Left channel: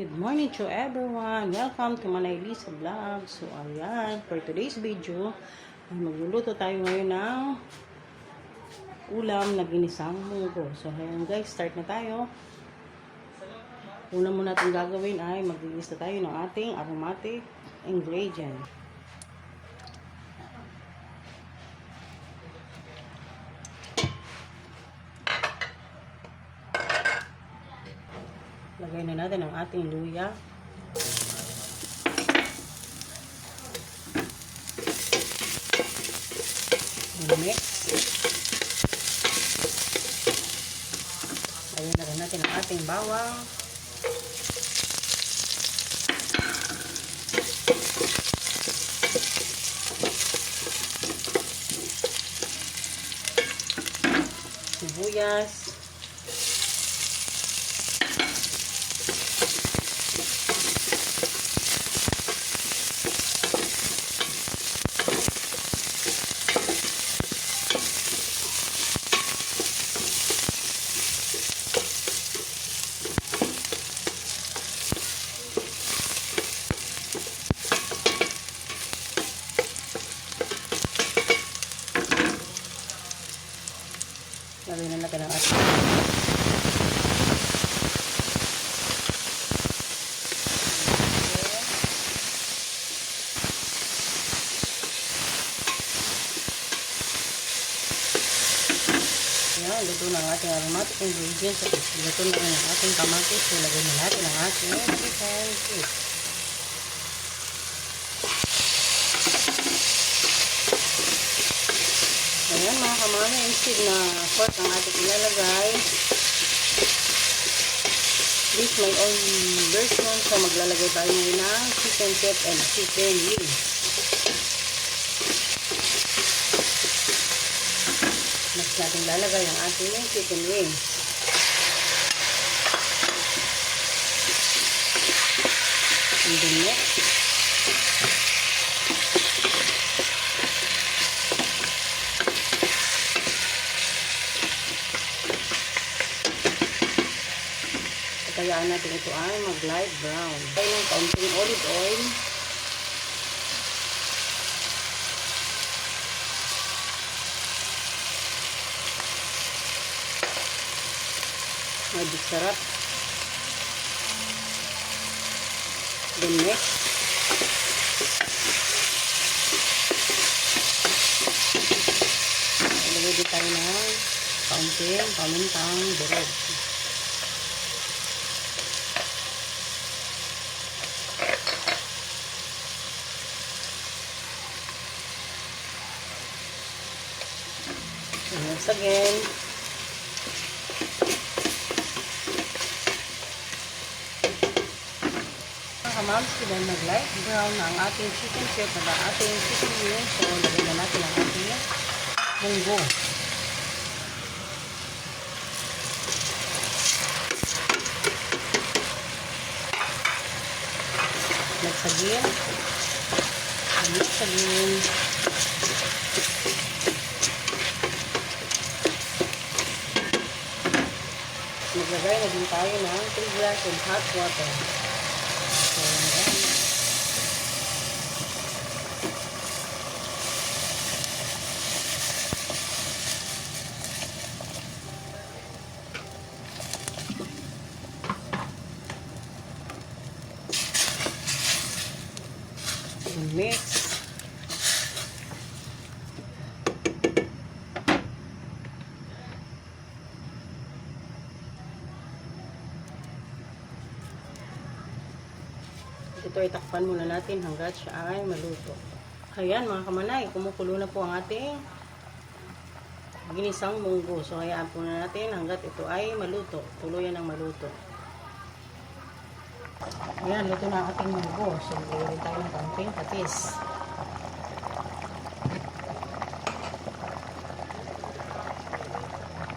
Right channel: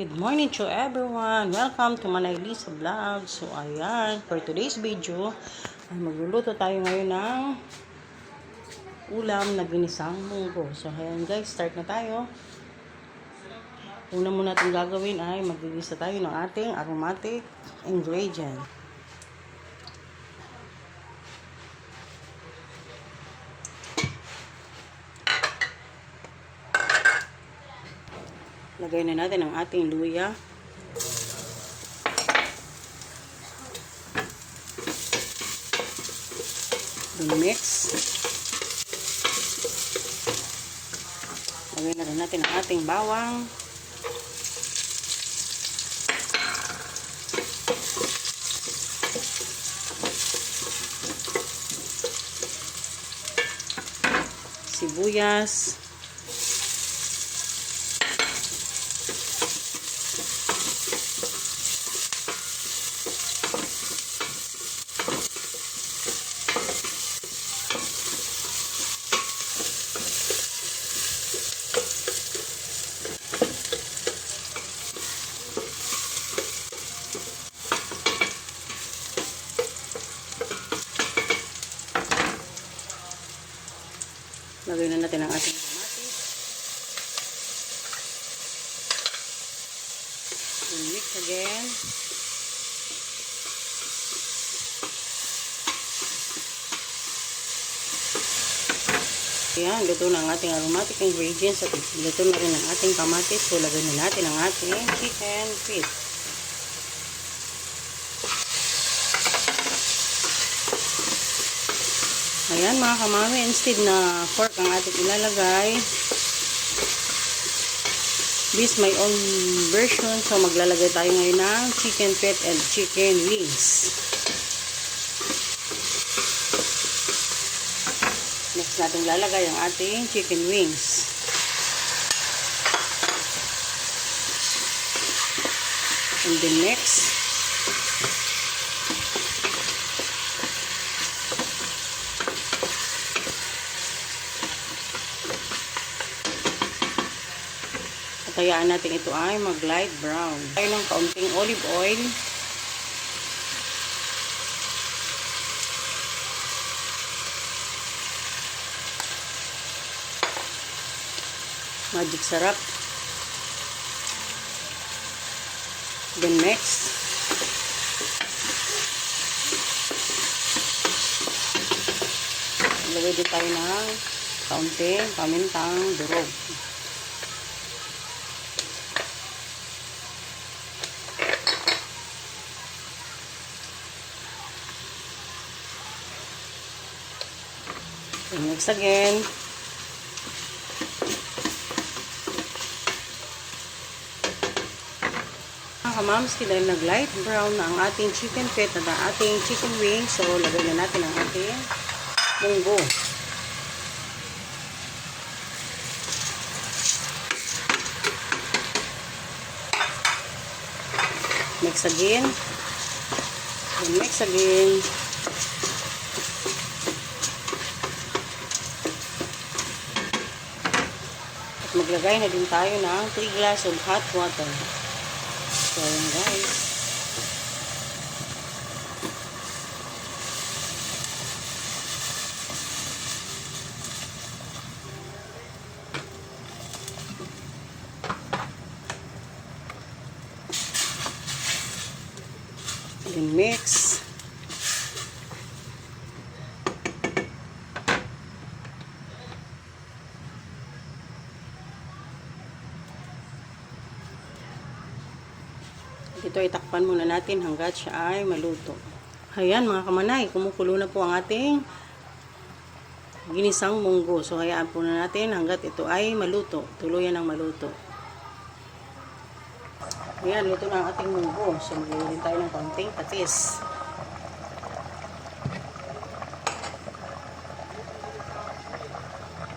Good morning to everyone! Welcome to Manay Lisa Vlog. So ayan, for today's video, ay magluluto tayo ngayon ng ulam na ginisang munggo. So ayan guys, start na tayo. Una muna natin gagawin ay magigisa tayo ng ating aromatic ingredient. Lagay na natin ang ating luya. Mix. Lagay na rin natin ang ating bawang. Sibuyas. Lagyan na natin ang ating again. Ayan, luto na ang ating aromatic ingredients at luto na rin ang ating kamatis. So, lagyan na natin ang ating chicken feet. Ayan mga kamami, instead na pork ang ating ilalagay, this my own version. So maglalagay tayo ngayon ng chicken feet and chicken wings. Next natin lalagay ang ating chicken wings. And then next, kayaan natin ito ay mag-light brown. Tayo ng kaunting olive oil. Magic sarap. Then next, ilagay din tayo ng kaunting pamintang durog. And next again, kamams, dahil nag-light brown na ang ating chicken feet na ating chicken wings. So, lagay na natin ang ating munggo. Next again. And next again. Maglagay na din tayo ng 3 glass of hot water. So, guys. And mix. Ito ay takpan muna natin hanggat siya ay maluto. Ayan mga kamanay, kumukulo na po ang ating ginisang munggo. So hayaan po na natin hanggat ito ay maluto. Tuluyan ng maluto. Ayan, luto na ang ating munggo. So maglalagay tayo ng kaunting patis.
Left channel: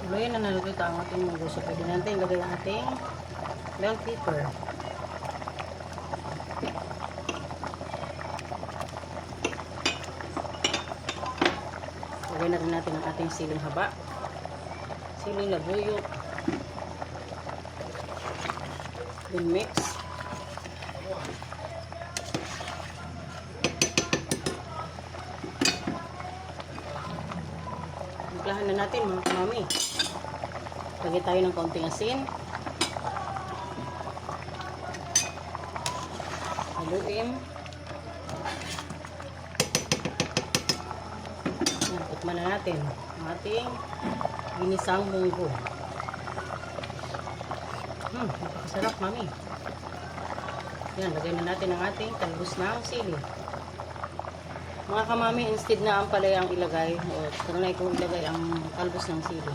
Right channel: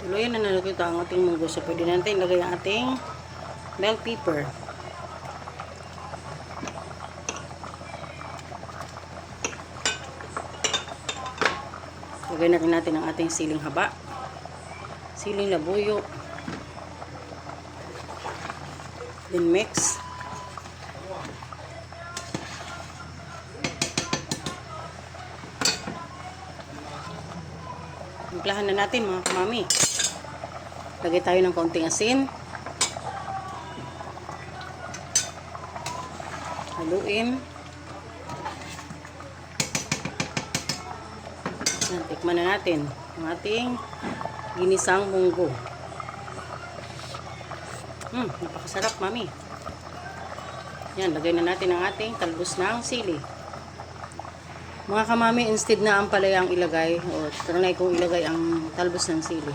Tuluyan na naluto ang ating munggo. So pwede natin ilagay ang ating bell pepper. Lagay na rin natin ang ating siling haba, siling labuyo, then mix. Lagay tayo ng kaunting asin. Haluin. Yan, tikman na natin ang ating ginisang munggo. Napakasarap, mami. Yan, lagay na natin ang ating talbos ng sili. Mga kamami, instead na ang palaya ang ilagay, o trinay kong ilagay ang talbos ng sili.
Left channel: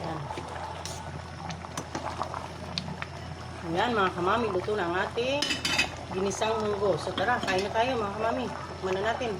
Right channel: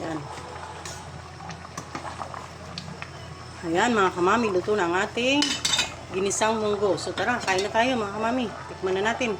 Yan. Ayan, mga kamami, luto na ang ating ginisang munggo. So tara, kain na tayo mga kamami. Tikman na natin.